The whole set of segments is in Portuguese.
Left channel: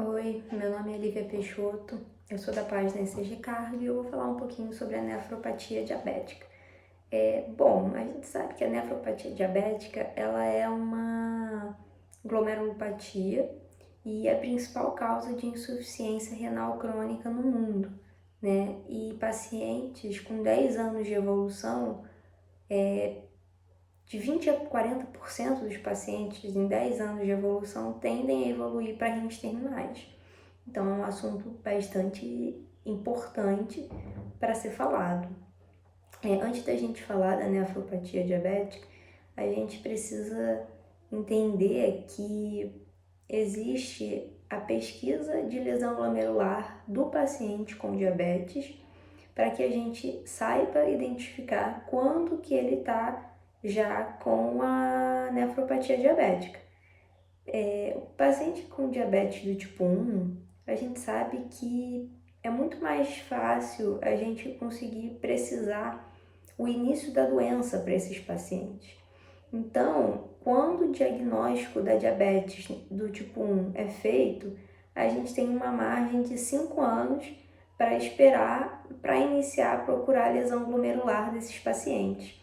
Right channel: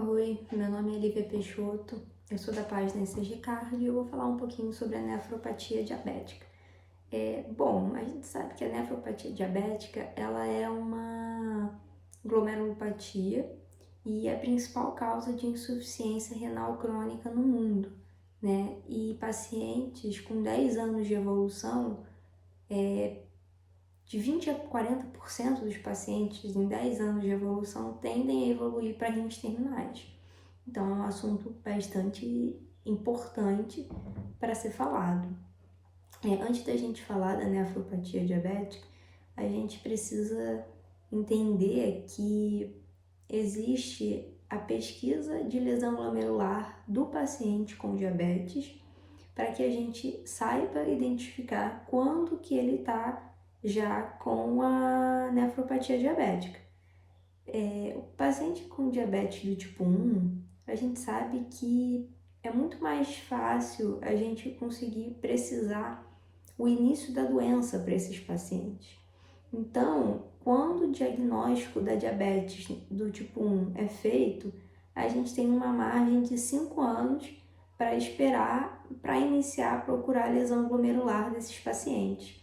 Oi, meu nome é Lívia Peixoto, eu sou da página ECG Cardio e eu vou falar um pouquinho sobre a nefropatia diabética. Bom, a gente sabe que a nefropatia diabética ela é uma glomerulopatia e é a principal causa de insuficiência renal crônica no mundo, né? E pacientes com 10 anos de evolução, de 20 a 40% dos pacientes em 10 anos de evolução tendem a evoluir para rins terminais. Então, é um assunto bastante importante para ser falado. Antes da gente falar da nefropatia diabética, a gente precisa entender que existe a pesquisa de lesão glomerular do paciente com diabetes para que a gente saiba identificar quando que ele está já com a nefropatia diabética. O paciente com diabetes do tipo 1, a gente sabe que é muito mais fácil a gente conseguir precisar o início da doença para esses pacientes. Então, quando o diagnóstico da diabetes do tipo 1 é feito, a gente tem uma margem de 5 anos para esperar para iniciar a procurar a lesão glomerular desses pacientes.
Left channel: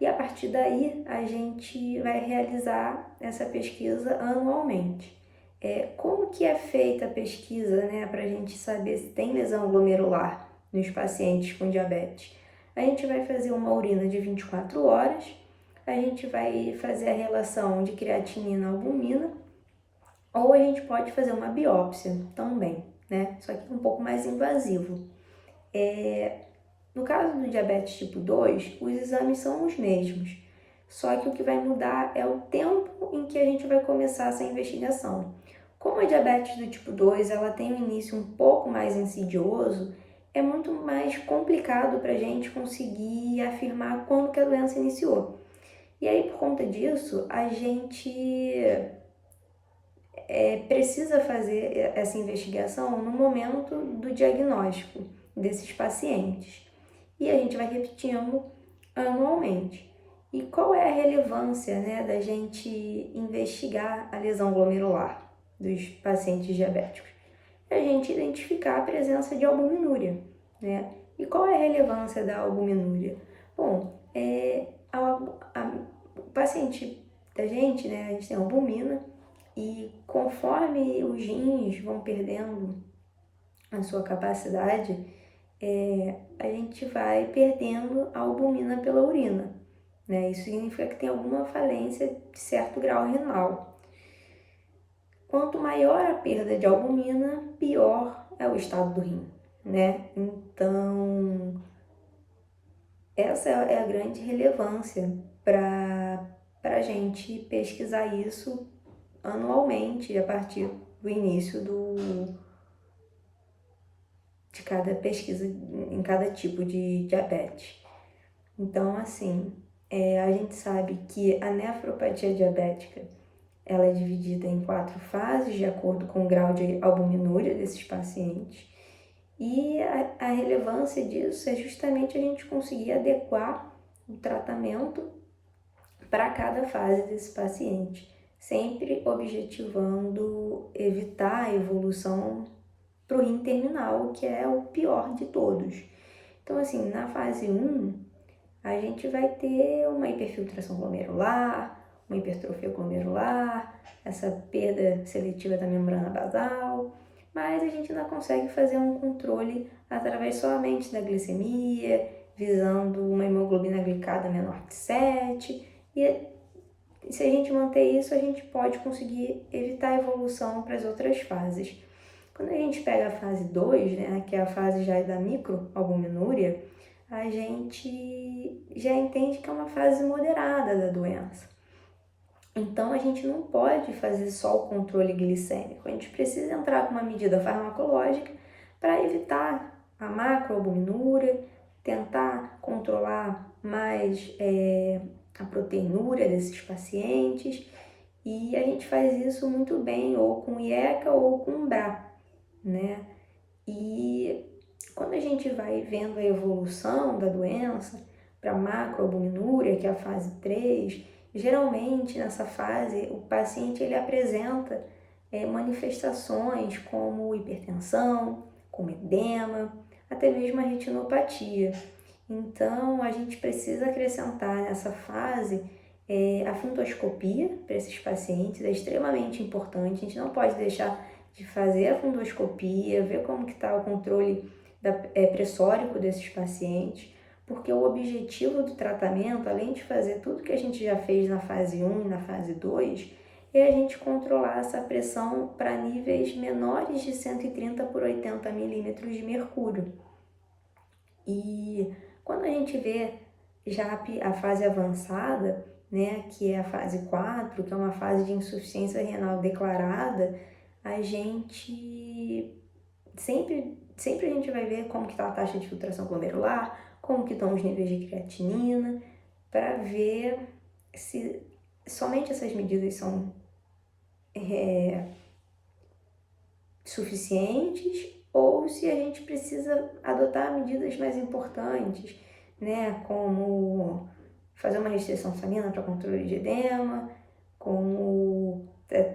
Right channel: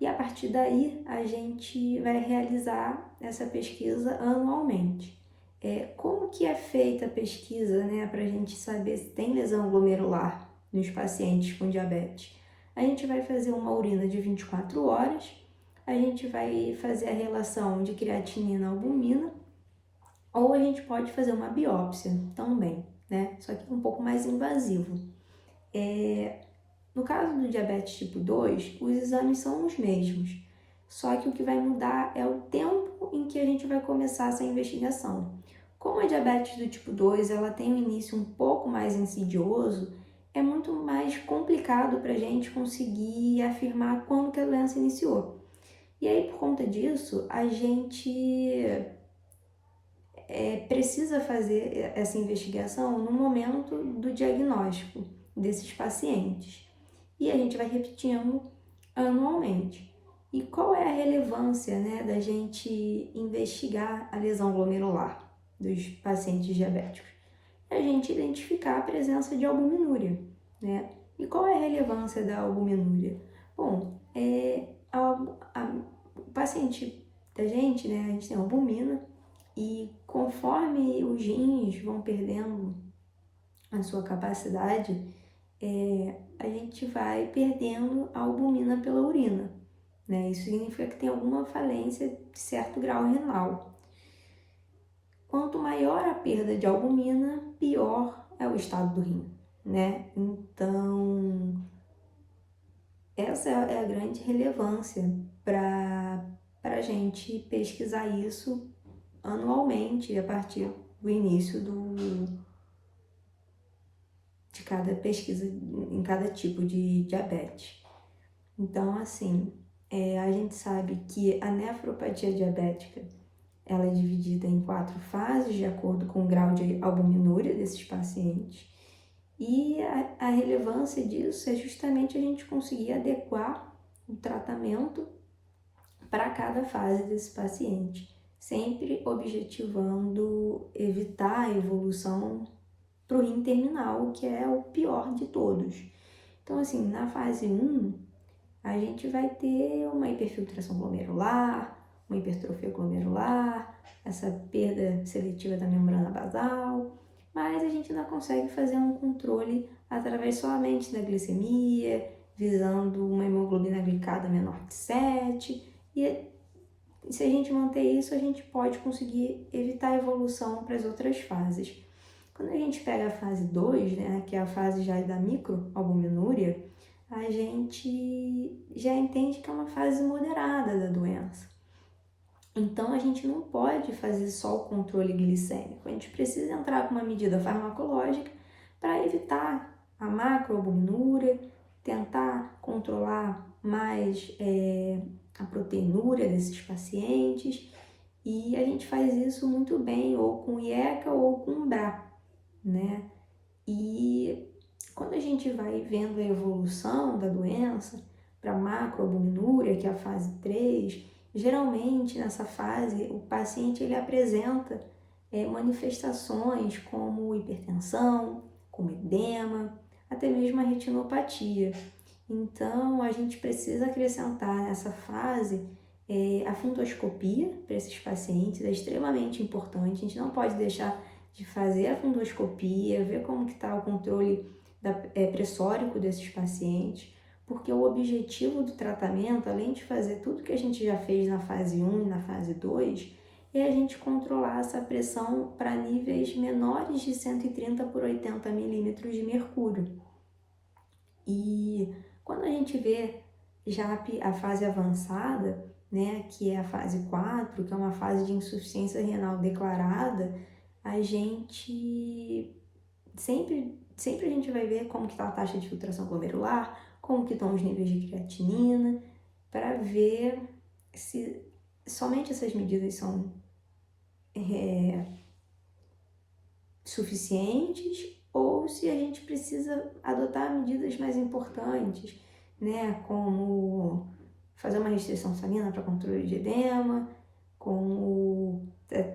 E a partir daí, a gente vai realizar essa pesquisa anualmente. Como que é feita a pesquisa, né, para a gente saber se tem lesão glomerular nos pacientes com diabetes? A gente vai fazer uma urina de 24 horas, a gente vai fazer a relação de creatinina-albumina, ou a gente pode fazer uma biópsia também, né? Só que um pouco mais invasivo. No caso do diabetes tipo 2, os exames são os mesmos, só que o que vai mudar é o tempo em que a gente vai começar essa investigação. Como a diabetes do tipo 2 ela tem um início um pouco mais insidioso, é muito mais complicado para a gente conseguir afirmar quando que a doença iniciou. E aí, por conta disso, a gente precisa fazer essa investigação no momento do diagnóstico desses pacientes. E a gente vai repetindo anualmente. E qual é a relevância, né, da gente investigar a lesão glomerular dos pacientes diabéticos? É a gente identificar a presença de albuminúria, né? E qual é a relevância da albuminúria? Bom, o paciente da gente, né, a gente tem albumina e conforme os rins vão perdendo a sua capacidade, a gente vai perdendo a albumina pela urina, né? Isso significa que tem alguma falência de certo grau renal. Quanto maior a perda de albumina, pior é o estado do rim, né? Então, essa é a grande relevância para a gente pesquisar isso anualmente, a partir do início de cada pesquisa em cada tipo de diabetes. Então, assim, a gente sabe que a nefropatia diabética ela é dividida em 4 fases, de acordo com o grau de albuminúria desses pacientes. E a relevância disso é justamente a gente conseguir adequar o tratamento para cada fase desse paciente, sempre objetivando evitar a evolução para o rim terminal, que é o pior de todos. Então, assim, na fase 1, a gente vai ter uma hiperfiltração glomerular, uma hipertrofia glomerular, essa perda seletiva da membrana basal, mas a gente ainda consegue fazer um controle através somente da glicemia, visando uma hemoglobina glicada menor de 7, e se a gente manter isso, a gente pode conseguir evitar a evolução para as outras fases. Quando a gente pega a fase 2, né, que é a fase já da microalbuminúria, a gente já entende que é uma fase moderada da doença. Então, a gente não pode fazer só o controle glicêmico, a gente precisa entrar com uma medida farmacológica para evitar a macroalbuminúria, tentar controlar mais a proteinúria desses pacientes, e a gente faz isso muito bem, ou com IECA ou com BRA, né? E quando a gente vai vendo a evolução da doença para macroalbuminúria, que é a fase 3, geralmente nessa fase o paciente ele apresenta manifestações como hipertensão, como edema, até mesmo a retinopatia. Então, a gente precisa acrescentar nessa fase a fundoscopia para esses pacientes, é extremamente importante. A gente não pode deixar de fazer a fundoscopia, ver como que está o controle pressórico desses pacientes, porque o objetivo do tratamento, além de fazer tudo que a gente já fez na fase 1 e na fase 2, é a gente controlar essa pressão para níveis menores de 130 por 80 milímetros de mercúrio. E quando a gente vê já a fase avançada, né, que é a fase 4, que é uma fase de insuficiência renal declarada, a gente sempre a gente vai ver como que está a taxa de filtração glomerular, como que estão os níveis de creatinina, para ver se somente essas medidas são suficientes ou se a gente precisa adotar medidas mais importantes, né, como fazer uma restrição salina para controle de edema, como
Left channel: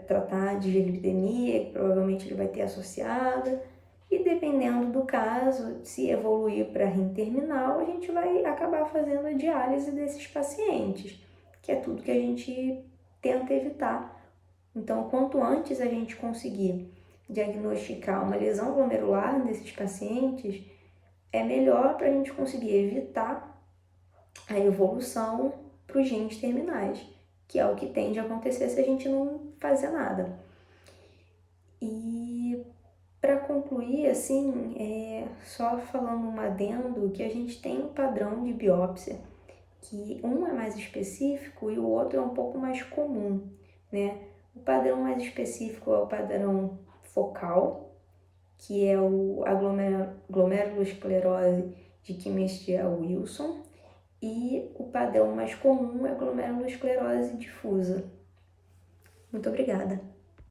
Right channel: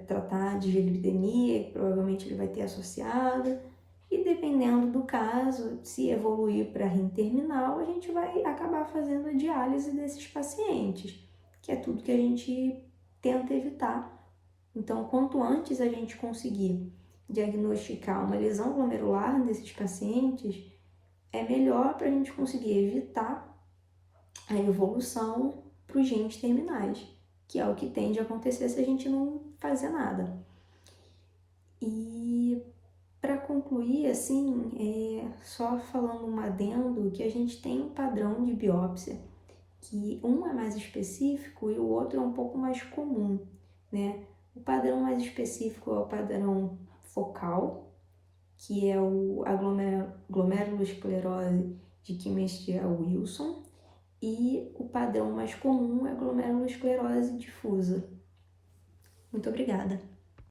tratar de dislipidemia, que provavelmente ele vai ter associada, e dependendo do caso, se evoluir para rim terminal, a gente vai acabar fazendo a diálise desses pacientes, que é tudo que a gente tenta evitar. Então, quanto antes a gente conseguir diagnosticar uma lesão glomerular nesses pacientes, é melhor para a gente conseguir evitar a evolução para os rins terminais, que é o que tende a acontecer se a gente não fazer nada. E para concluir, assim, só falando um adendo, que a gente tem um padrão de biópsia, que um é mais específico e o outro é um pouco mais comum, né? O padrão mais específico é o padrão focal, que é a glomerulosclerose de Kimmel-Wilson, e o padrão mais comum é a glomerulosclerose difusa. Muito obrigada!